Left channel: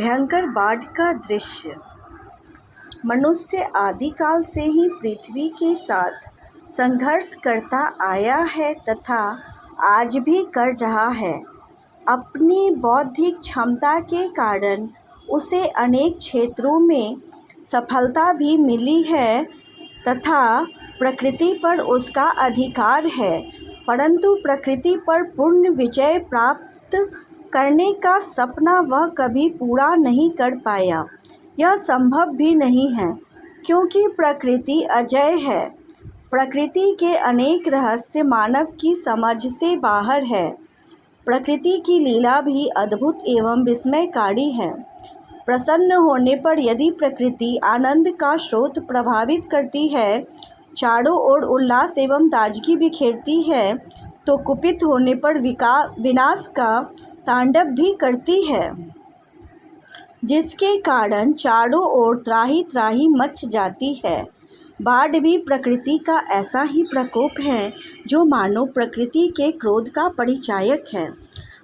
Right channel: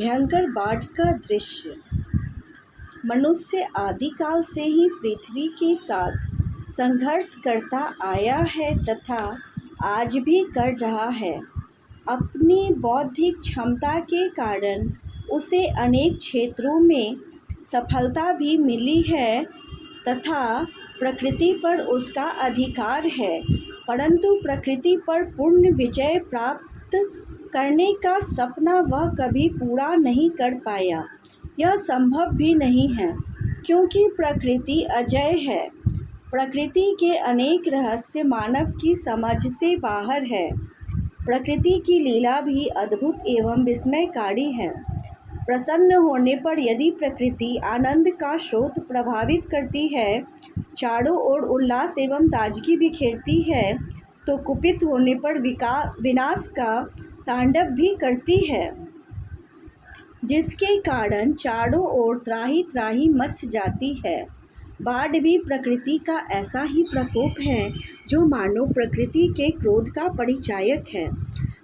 भयंकर बाढ़ का दृश्य। मनुष्य आदिकाल से ही पृथ्वी के साथ संघर्ष करता आया है तथा आज भी कर रहा है। अपनी बौद्धिक क्षमता के कारण उसे अनेक क्षेत्रों में सफलता भी मिली है तथा प्रकृति पर उसका अधिकार है, परंतु प्रकृति पर पूर्ण विजय प्राप्त करने का सपना वह कभी पूरा नहीं कर पाया। यह संभव भी नहीं है, क्योंकि प्रकृति अजेय है। प्रकृति के अनेक रहस्य मानव की समझ से बाहर है। प्रकृति की लीला भी अद्भुत एवं विस्मयकारी है। प्रसन्न होने पर यदि प्रकृति आनंद का स्रोत प्रभावित करती है, चारों ओर उल्लास एवं ताजगी बिखेरती है, तो कुपित होने पर विनाश का तांडव भी करती है, जिसके कारण चारों ओर त्राही त्राही मच जाती है। बाढ़ भी प्रकृति का ऐसा ही प्रकोप है जो मानो प्रकृति के क्रोध का परिचायक है।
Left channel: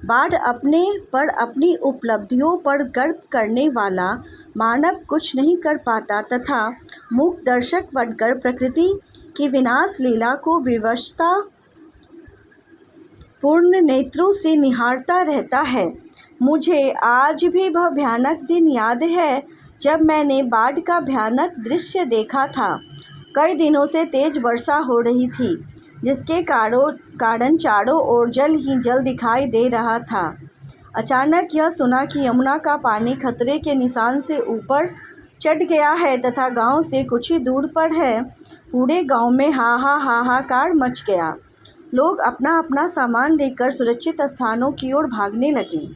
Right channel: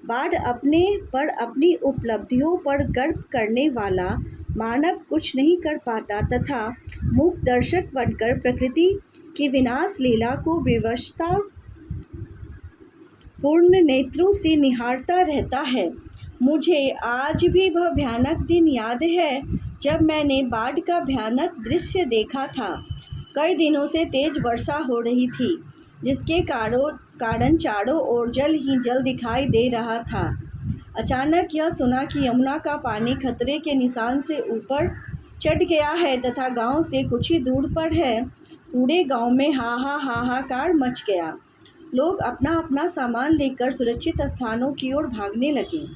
बाढ़ अपने पर अपनी उपलब्धियों पर गर्व करने वाला मानव कुछ नहीं कर पाता तथा मूक दर्शक बनकर प्रकृति की विनाश लीला को विवशता पूर्ण नेत्रों से निहारता रहता है। मुझे आज भी वह भयानक दिन याद है जब मैंने बाढ़ का भयानक दृश्य देखा था। कई दिनों से तेज वर्षा हो रही थी, जिसके कारण चारों ओर जल ही जल दिखाई दे रहा था। अचानक यह सुना कि यमुना का पानी खतरे के निशान से ऊपर चढ़ गया है तथा गांव से कुछ ही दूर पर है। पूरे गांव में हाहाकार मच गया। लोग अपना अपना सामान लेकर सुरक्षित स्थानों की ओर भागने लगे।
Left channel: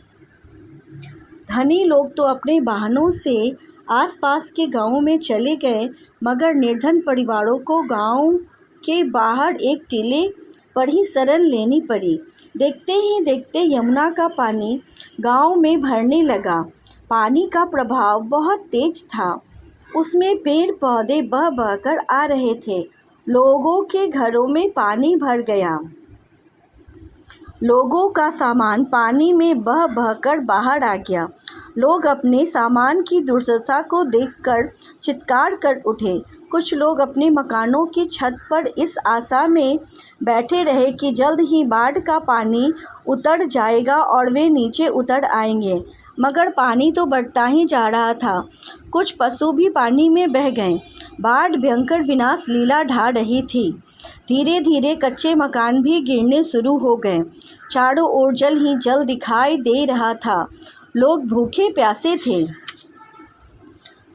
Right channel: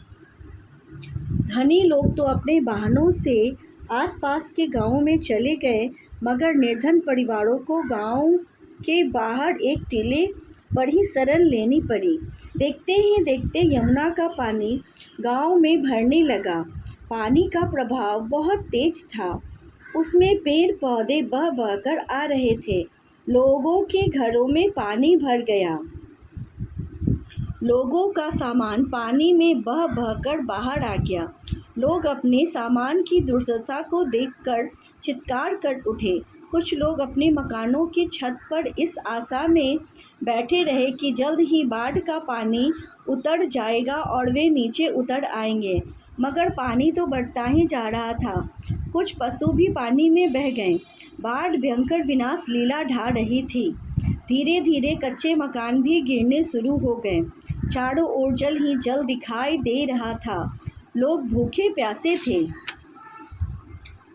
धनी लोग तो अपने वाहनों से आसपास के गांवों में चले गए, मगर निर्धन परिवारों को गांव के बाहर एक टीले पर ही शरण लेनी पड़ी। देखते ही देखते यमुना का पानी गांव में भरने लगा। पानी का प्रभाव बहुत तेज था। उसमें पेड़ पौधे बह बहकर आ रहे थे। लोगों के घरों में पानी भर गया। लोगों का सामान पानी में बह बहकर बाहर आ गया। लोग अपने सामान की दुर्दशा को देखकर चित्कार कर उठे। कुछ लोग अपने मकानों की छत पर इस आशा में बैठे रहे कि जल्द ही बाढ़ का पानी उतर जाएगा और वे नीचे उतर आएंगे, मगर पानी तो बढ़ता ही जा रहा था। कुछ पशु भी पानी में बह गए। बाढ़ भयंकर विनाश लीला ढा रही थी। धीरे धीरे कच्चे मकान भी गिरने शुरू हो गए। चारों ओर जल ही जल दिखाई दे रहा था। लोग भूखे प्यासे थे।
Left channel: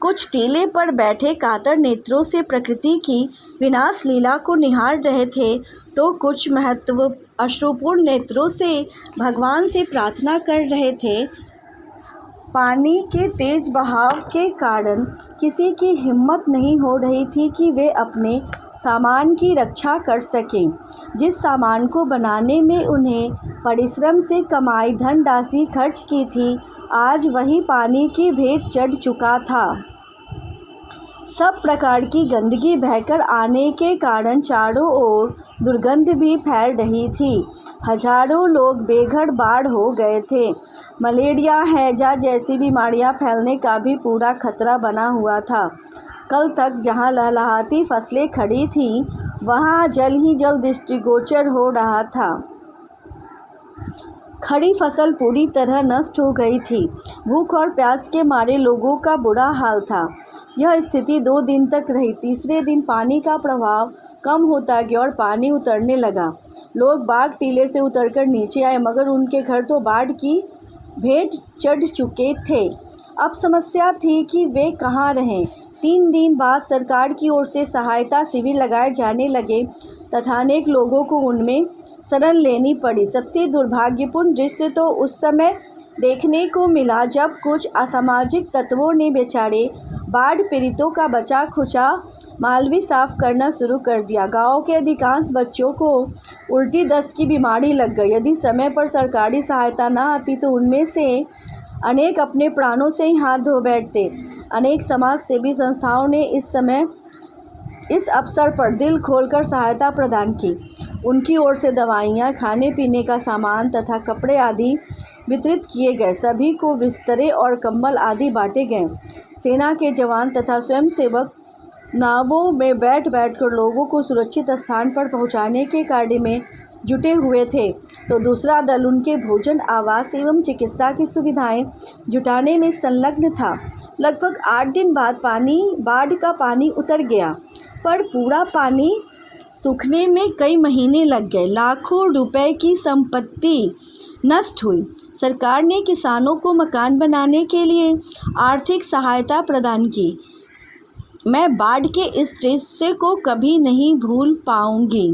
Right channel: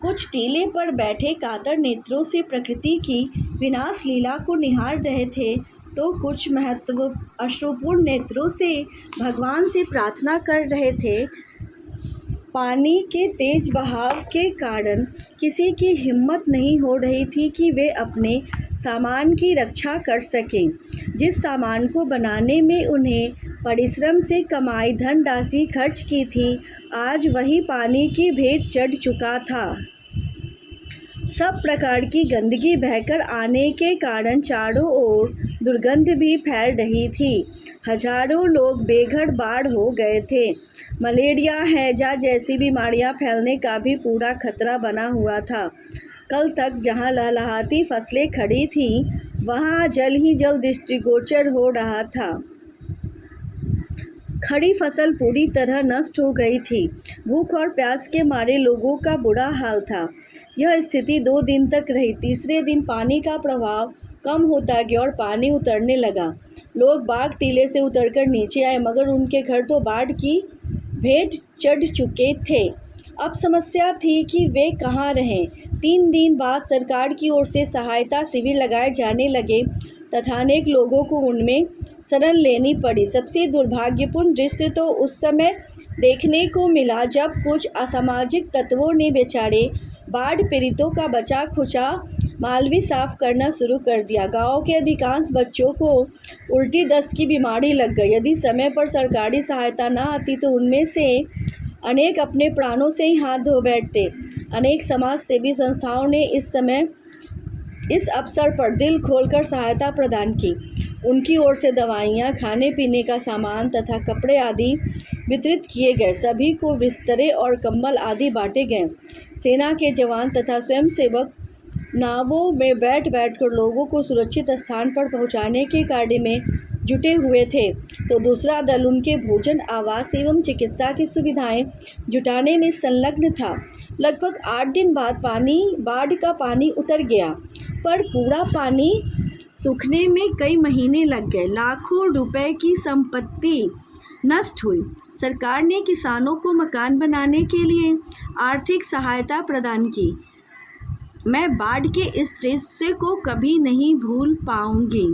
कुछ टीले पर बैठे कातर नेत्रों से प्रकृति की विनाश लीला को निहार रहे थे, तो कुछ महत्व अश्रुपूर्ण नेत्रों से भगवान से प्रार्थना कर रहे थे। पानी के तेज बहाव के कारण किसी की हिम्मत नहीं हो रही थी कि वे अपने सामान की रक्षा कर सकें। जिस सामान को बनाने में उन्हें परिश्रम से कमाई धनराशि खर्च की थी, आज वही पानी की भेंट चढ़ चुका था। सब प्रकार की गंदगी बहकर आने के कारण चारों ओर दुर्गंध भी फैल रही थी। हजारों लोग बेघर बाढ़ हो गए थे। मलेरिया, हैजा जैसी बीमारियां फैलने का भी पूरा खतरा बना हुआ था। कल तक जहां लहलहाती फसलें खड़ी थीं, वहां जल ही जल दृष्टिगोचर हो रहा था। खड़ी फसल पूरी तरह नष्ट हो गई थी। भूख और प्यास के मारे लोगों का बुरा हाल था। यह स्थिति 2 दिन तक रही। तीसरे दिन पानी का प्रभाव कम होता गया और पानी उतरने लगा। लोग बाग टीले से उतरकर नीचे आए, मगर उनके घर तो बाढ़ की भेंट चढ़ चुके थे। अब समस्या थी कि वे कहाँ रहें। 3 दिन बाद सरकार की ओर से सहायता शिविर लगाए जाने लगे तथा अनेक लोगों को उनमें शरण लेनी पड़ी। सबसे दुर्भाग्यपूर्ण दृश्य तो उस समय देखने को मिला जब कुछ असामाजिक तत्वों ने बेचारे बाढ़ पीड़ितों का बचा खुचा माल भी साफ करना शुरू कर दिया। गांव के अधिकांश बच्चों को उल्टी दस्त की बीमारी लग गई। यदि समय पर सरकारी सहायता न आती तो उनमें से अनेक अपने प्राणों से ही हाथ धो बैठते। अनेक समाज सेवी संस्थाओं ने इस समय इस अवसर पर दिल खोलकर सहायता प्रदान की। उनकी ओर से दवाइयाँ, खाने पीने का सामान तथा कपड़े आदि वितरित किए गए। सभी को बिस्तरे और कंबल आदि बांटे गए। सेना के जवान तथा स्वयंसेवक नावों में बैठ कर लोगों को सुरक्षित स्थान पर पहुंचाने के कार्य में जुटे हुए थे, तो दूसरा दल उनके भोजन, आवास एवं चिकित्सा की सुविधाएं जुटाने में संलग्न था। लगभग 8 दिन बाद बाढ़ का पानी उतर गया, पर पूरा पानी सूखने में कई महीने लग गए। लाखों रुपए की संपत्ति नष्ट हुई। सरकार ने किसानों को मकान बनाने के लिए आर्थिक सहायता प्रदान की। मैं बाढ़ के इस दृश्य को कभी नहीं भूल पाऊंगी।